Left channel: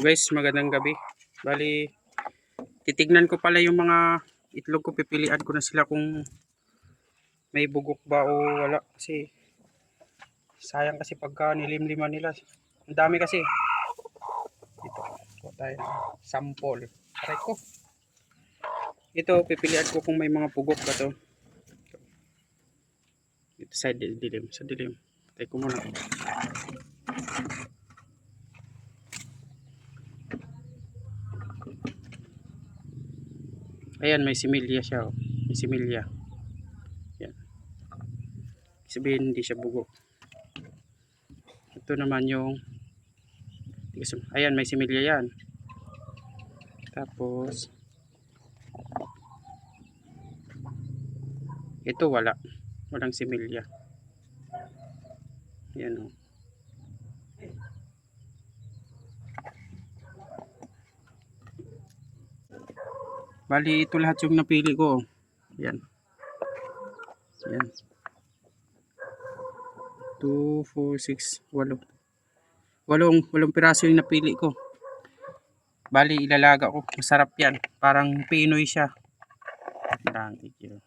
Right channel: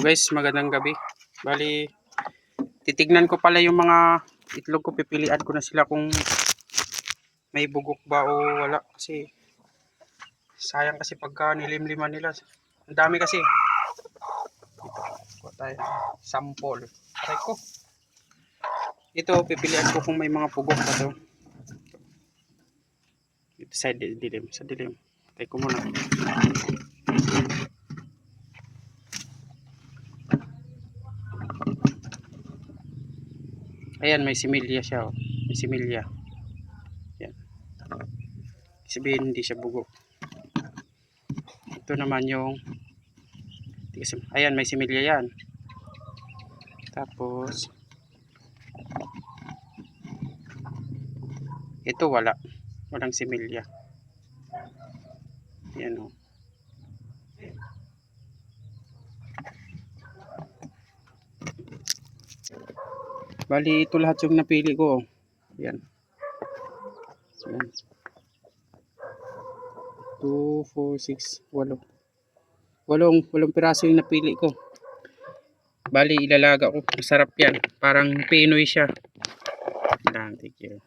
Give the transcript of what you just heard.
So guys, magandang gabi. Bali, titignan ko pala yung mga itlog ko. Pipilian ko na sila kung may bugok ba o wala. Kasi sayang kasi pagka nilimliman nila. Ang dami kasi. Dito, kuha tayo ng sample. Aray ko. Ito, pipilian ko kung may mga bugok ba to. Dito sa dilim. Sa dilim. Tayo ko muna. Ayan, may similya siya. Oh. May similya. Yan. Sabihin hindi siya bugok. Ito naman yung ayan, may similya yan. Tapos ito walang similya. Yan oh. Bali ito lahat yung napili ko. Yan. Yan. 2, 4, 6, 8. Walong piraso yung napili ko. Bali ilalaga ko. Masarap yan. Parang Pinoy siya. Thank you.